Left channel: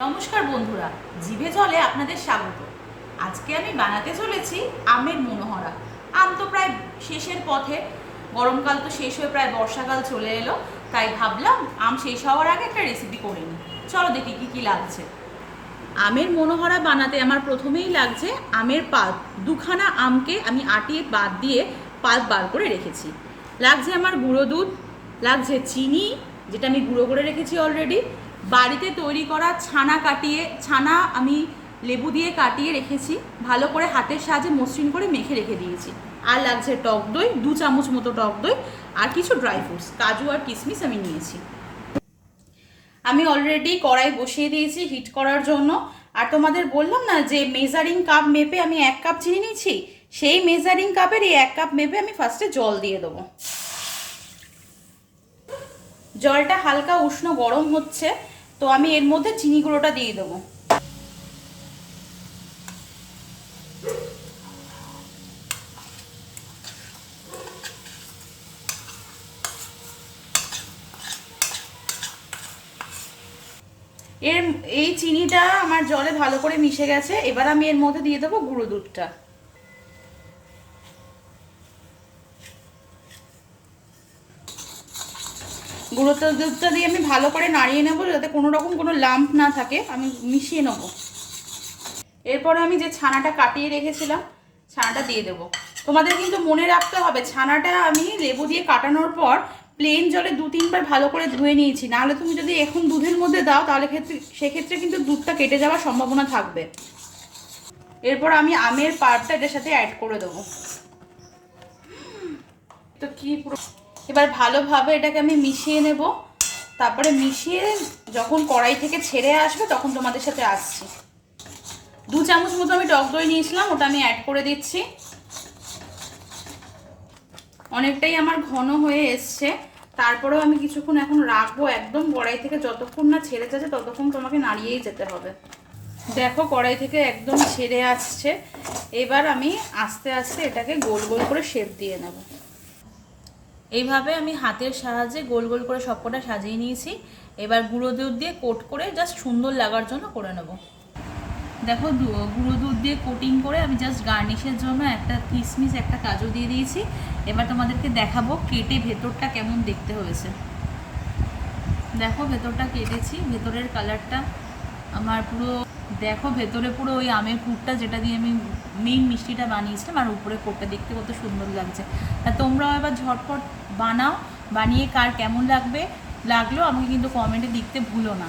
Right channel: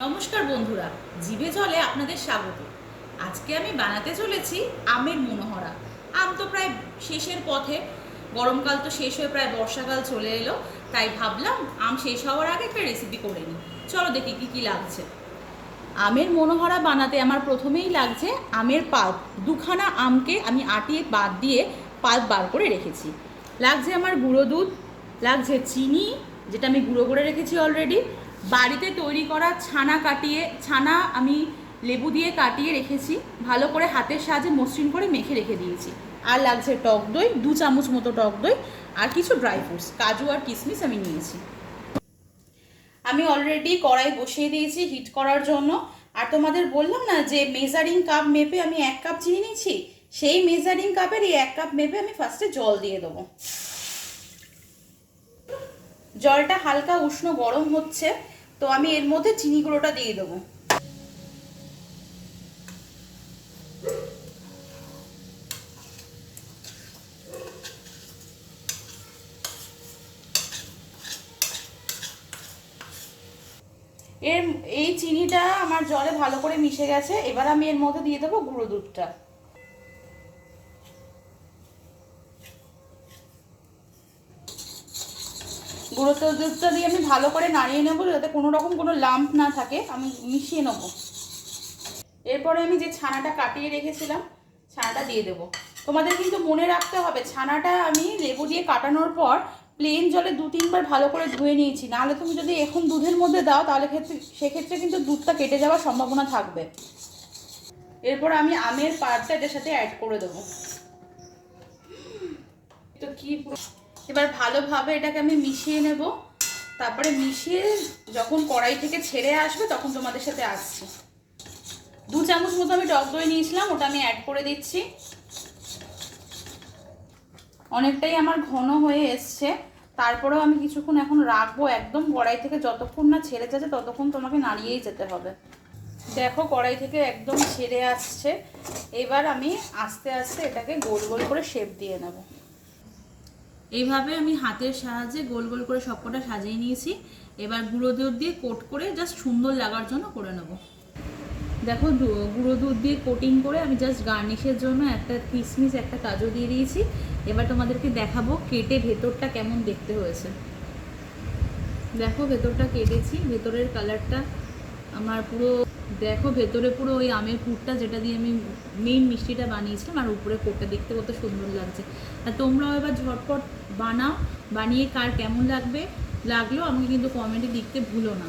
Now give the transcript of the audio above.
নমস্কার বন্ধুরা, জিভে জলে আপনাদের স্বাগত। আজকে আমি বানাতে চলেছি আমের মনোহরা। আম তো প্রায় শেষের পথে, গরমকাল তো শেষ হয়ে প্রায় বর্ষাকাল চলে এলো, তাই ভাবলাম আম শেষ হওয়ার আগে একটা রেসিপি করে নিই। চলো দেখি কি কি লাগছে। আমের মনোহরা বানাতে আমার প্রথমেই লাগছে আমের পাল্প। দুখানা আমকে আমি আটিয়ে বাদ দিয়ে পাল্প বার করে রেখেছি। লাগছে আমার গুঁড়ো দুধ, লাগছে চিনি যেটা আমি গুঁড়ো করে রেখেছি অলরেডি, বাড়িতে তৈরি করা ছানা আমি লেবু দিয়ে কাটিয়ে রেখেছি, ভালো করে হাতের সাহায্যে মসৃণ করে মেখে রেখে দিয়েছি। আর লাগছে টক দই, 2 চামচ মতো টক দই, আর কিছু ড্রাই ফ্রুটস, কাজু আর কিশমিশ আমি নিয়েছি। আমি অলরেডি কড়াই বসিয়ে দিয়েছি হিট করার জন্য। আর তোমাদের বললাম না যে মেজারিং কাপ মেপে আমি 1 কাপ চিনি নিয়েছি, সেই মেজারিং কাপের এই 1 কাপ মেপে আমি ফার্স্টে জল দিয়ে দেবো। জলটা হালকা উষ্ণ গরম হচ্ছে, তো আমি এর মধ্যে চিনি গুঁড়োটা দিয়ে দেবো। এই চিনিটা আমার জলে ভালো করে মিশে গেছে। এবার আমি এর মধ্যে দিয়ে দেবো গুঁড়ো দুধটা। গুঁড়ো দুধটা দিয়ে আমি ভালো করে নাড়িয়ে নেবো যাতে কোনো রকম কোনো লাম্প না থাকে, আমি মিশিয়ে নেবো। এরপরে আমি যে ছানাটা কাটিয়ে রেখেছিলাম ছানাটা দিয়ে দেবো। তোমাদের কিন্তু মনে রাখতে হবে ছানাটা আমি লেবু দিয়ে কাটানোর পর প্লেন জলে 2-3 বার ভালো করে ধুয়ে নিয়েছি, নাহলে তুমি যদি এখন দুধের মধ্যে দাও তাহলে সেক্ষেত্রে কিন্তু দুধটা কেটে যাওয়ার সম্ভাবনা থাকবে। এরপর আমি আমের পাল্পটা এটার সাথে অ্যাড করে দেবো। তো কি পুরো এবার ভালোভাবে এটাকে আমি মিশিয়ে নেব। তারপরে মিশিয়ে যখন কড়াই থেকে ছেড়ে আসবে তখন তোমাদের সাথে আসছি। 2 চামচ মতো আমি টক দই নিয়েছিলাম, ওটা আমি অ্যাড করে দিচ্ছি। অনেকটাই আমার ঘন হয়ে এসছে, তারপরেও আমি কিছুক্ষণ এখন রাখবো একদম কড়াই থেকে, যতক্ষণ না ছেড়ে যাচ্ছে ততক্ষণ তোমাকে নাড়িয়েই যেতে হবে। দেখো কড়াই থেকে একদম ছেড়ে আসছে। এবার আমি আস্তে আস্তে এটাকে গোল গোল করে শেপ দিয়ে নেব। এইভাবে আমি হাতের সাহায্যে গোল গোল করে সবকটা সাজিয়ে নিয়েছি। এবার গুঁড়ো দুধ দিয়ে কোট করে জাস্ট সুন্দর লাগার জন্য করে নেব। দেখো গুঁড়ো দুধ দিয়ে কোটিং করে আমি জাস্ট গার্নিশের জন্য একটা কিশমিশ একটা কাজু দিয়ে দিয়েছি। এবার তোমাদেরকে দেখাবো কেটে ভেতরটা কেমন দেখতে হয়েছে। দেখো ভেতরটা কেটেছি, ভেতরের কালারটা আমার পুরো দেখো, ভেতরে পুরো ওই আমের পুরটা যেটা দিয়ে আমি মেইন মিষ্টিটা বানিয়েছিলাম, আর উপরে কোটটা দেখতে কত সুন্দর লাগছে। আর তোমরাও এবার ঝটপট বানাও, বানিয়ে কার কেমন লাগলো আমাকে কিন্তু কমেন্টে লিখতে ভুলো না।